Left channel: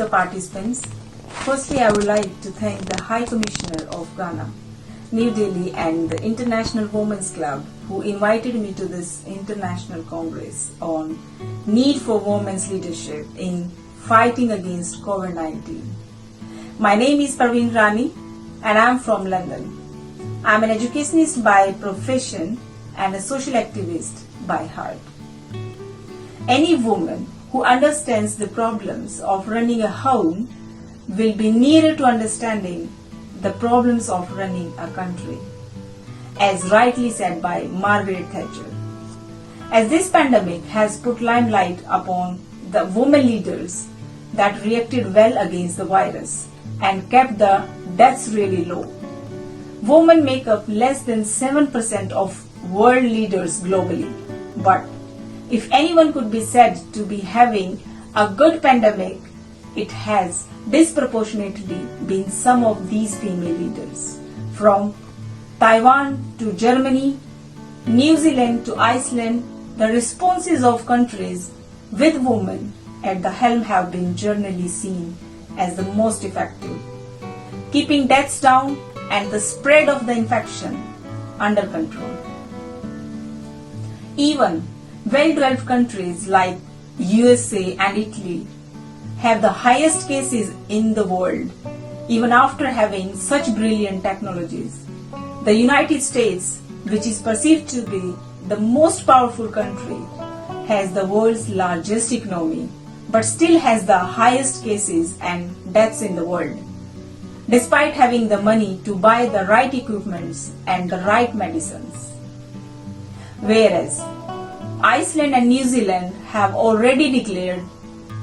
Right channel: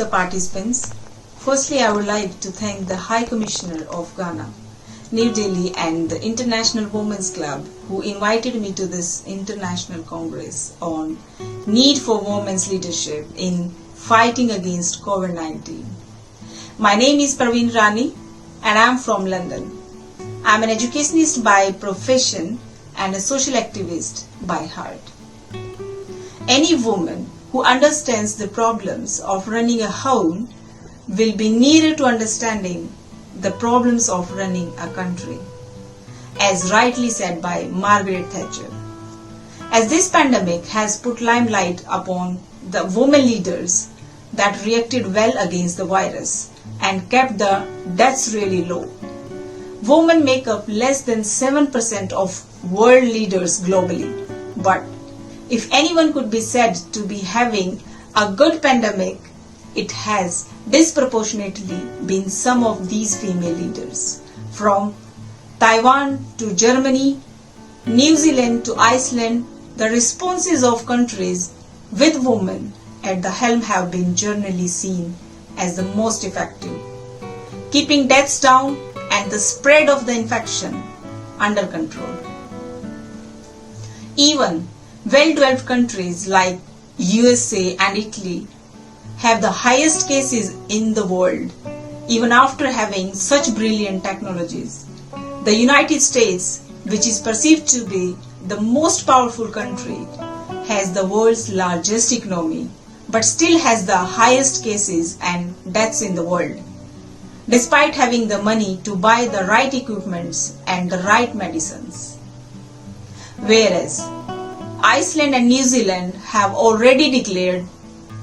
the participants. Firstly, I would like to thank the High Commissioner of Ghana, New Delhi and the International Women's Club who invited me to this International Congress on need for women's leadership in fighting against COVID-19. My name is Parveen Rani and I am from London. I am an educationist by profession and a social activist by heart. Any woman who understands the problems of running a home will be nearer to understanding the problems of running a country, as rightly said by Margaret Thatcher. As this pandemic has put limelight upon the women leaders that reacted well against the virus and kept the deaths really low. Women make up less than 7% of world leaders globally, but if anyone could be said to be having a good pandemic, it has disproportionately been some of these female leaders. From Taiwan to Germany, New Zealand to Iceland, the responses of countries with women at the helm have been generally seen as the most effective, keeping deaths down and the spread of the infection under control. Even well-developed countries like USA and Italy have the highest cases in the world, even after having such brilliant technologies. The United States, which is perceived to be the most powerful country, has the world's largest economy, but still has the highest cases and deaths in the world, despite having the money to buy the right equipments and the right medicines. Whereas Iceland and New Zealand have already declared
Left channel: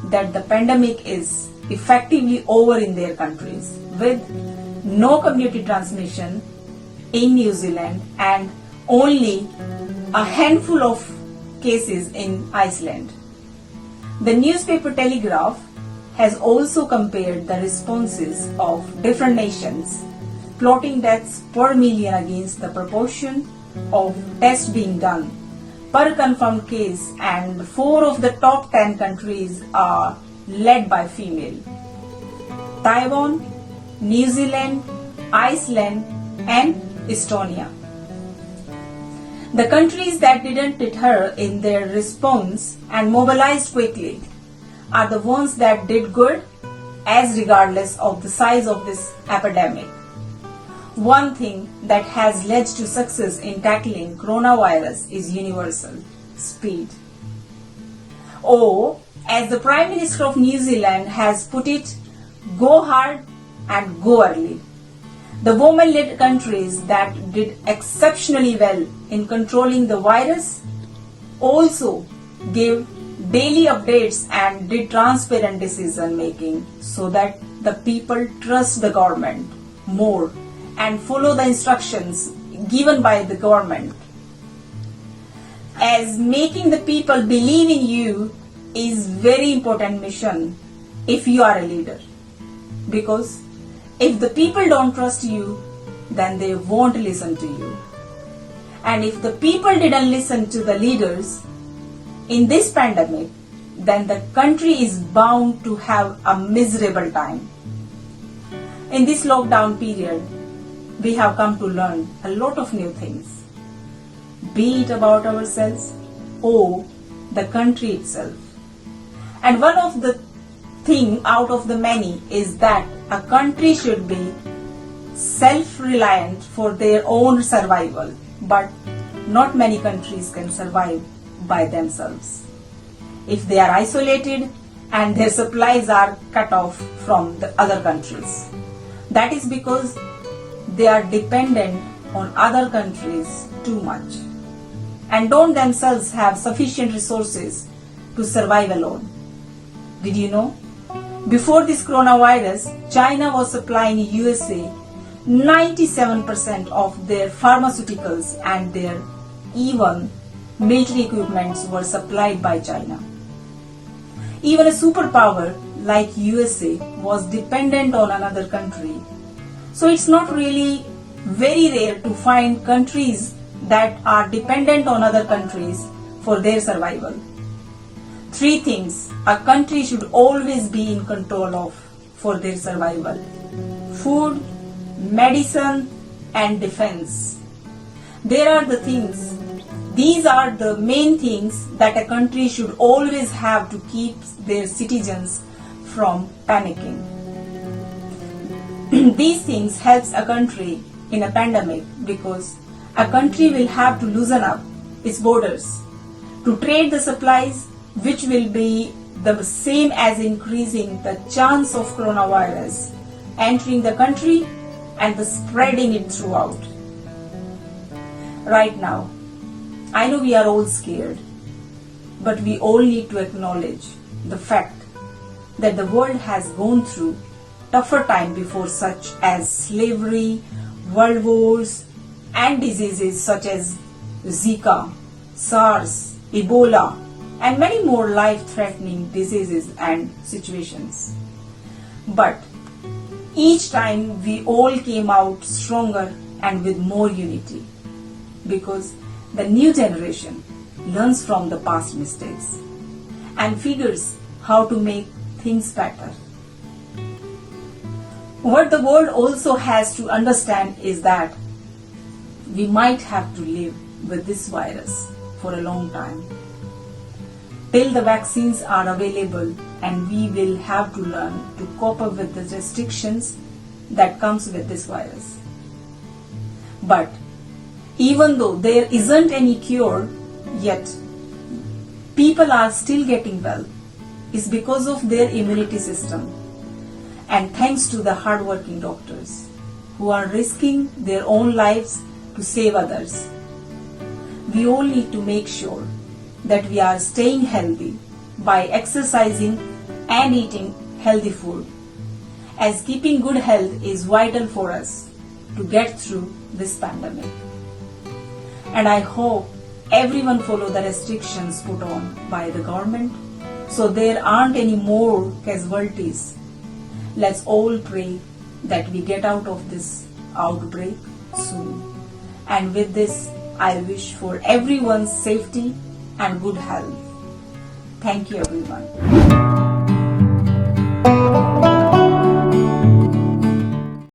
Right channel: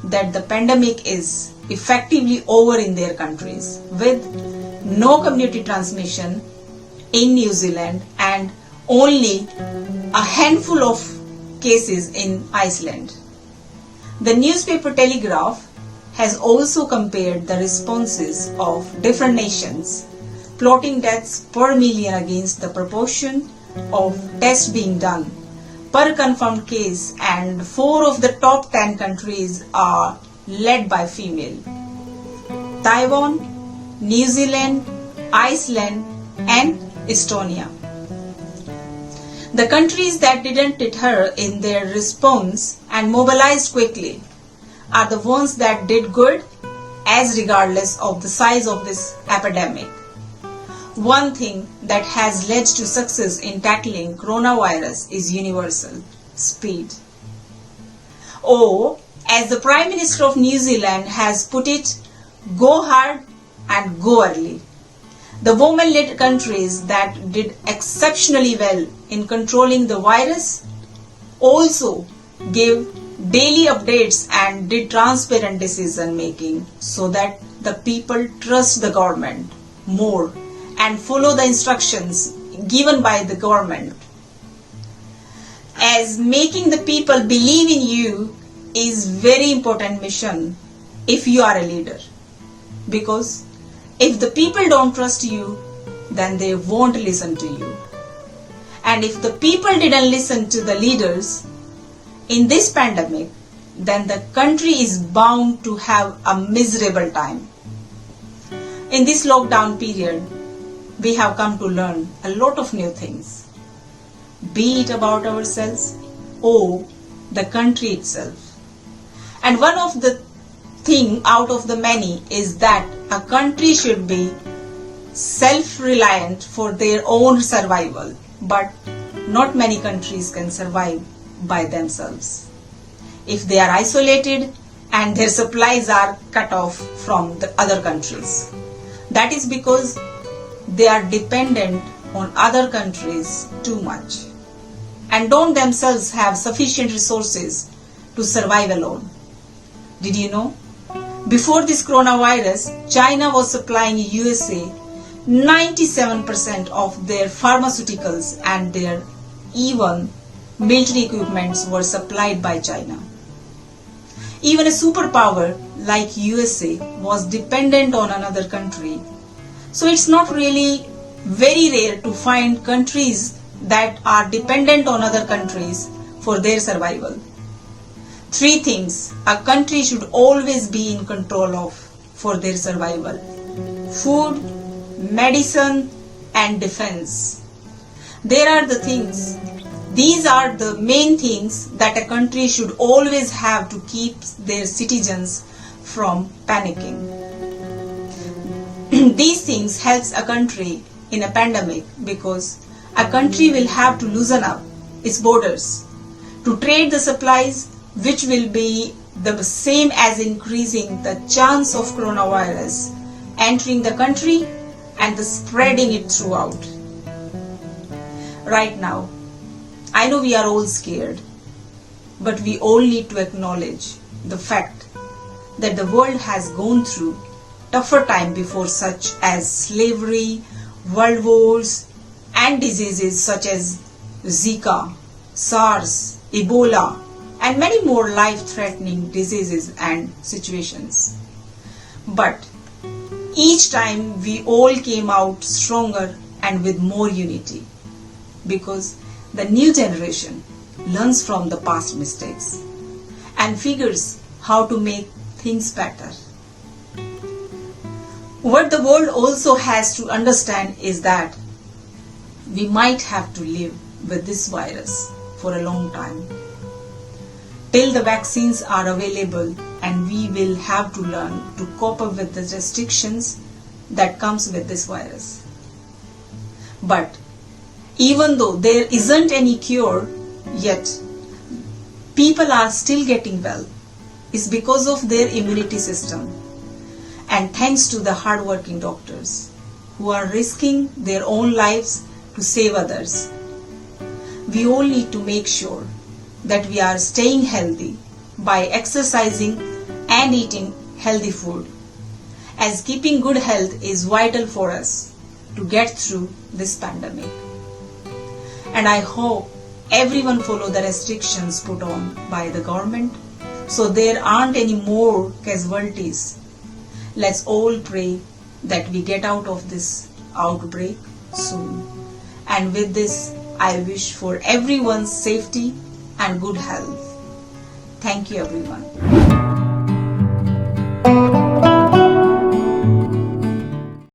that the pandemic is effectively over in their countries, with no community transmission in New Zealand and only a handful of cases in Iceland. The newspaper Telegraph has also compared the responses of different nations, plotting deaths per million against the proportion of tests being done per confirmed case, and 4 of the top 10 countries are led by female: Taiwan, New Zealand, Iceland and Estonia. The countries that didn't deter in their response and mobilized quickly are the ones that did good, as regardless of the size of this epidemic. One thing that has led to success in tackling coronavirus is universal: speed. Or, as the Prime Minister of New Zealand has put it, go hard and go early. The women-led countries that did exceptionally well in controlling the virus also gave daily updates and did transparent decision making so that the people trust the government more and follow the instructions given by the government. As making the people believe in you is very important mission if you are a leader, because if the people don't trust you, then they won't listen to you. And if the people didn't listen to the leaders in this pandemic, then the country is bound to have a miserable time. In this lockdown period, we have come to learn a lot of new things, be it about ourselves or the country itself. And one of the thing out of the many is that a country should be self-reliant for their own survival, but not many countries can survive by themselves if they are isolated and their supplies are cut off from the other countries. That is because they are dependent on other countries too much and don't themselves have sufficient resources to survive alone. Did you know? Before this coronavirus, China was supplying USA 97% of their pharmaceuticals, and their even military equipments were supplied by China. Even a superpower like USA was dependent on another country. So it's not really very rare to find countries that are dependent on other countries for their survival. Three things a country should always be in control of for their survival: food, medicine, and defense. These are the main things that a country should always have to keep their citizens from panicking. These things helps a country in a pandemic because a country will have to loosen up its borders to trade the supplies, which will be the same as increasing the chance of coronavirus entering the country and the spreading it throughout. Right now, I know we are all scared, but we all need to acknowledge the fact that the world has gone through tougher time before, such as slavery, world wars, and diseases such as Zika, SARS, Ebola, and many more life-threatening diseases and situations. But each time we all came out stronger and with more unity, because the new generation learns from the past mistakes and figures how to make things better. What the world also has to understand is that we might have to live with this virus for a long time, till the vaccines are available, and we will have to learn to cope up with the restrictions that comes with this virus. But even though there isn't any cure yet, people are still getting well. It's because of their immunity system, and thanks to the hardworking doctors who are risking their own lives to save others. We all need to make sure that we are staying healthy by exercising and eating healthy food, as keeping good health is vital for us to get through this pandemic. And I hope everyone follow the restrictions put on by the government so there aren't any more casualties. Let's all pray that we get out of this outbreak soon. And with this, I wish for everyone's safety and good health. Thank you, everyone.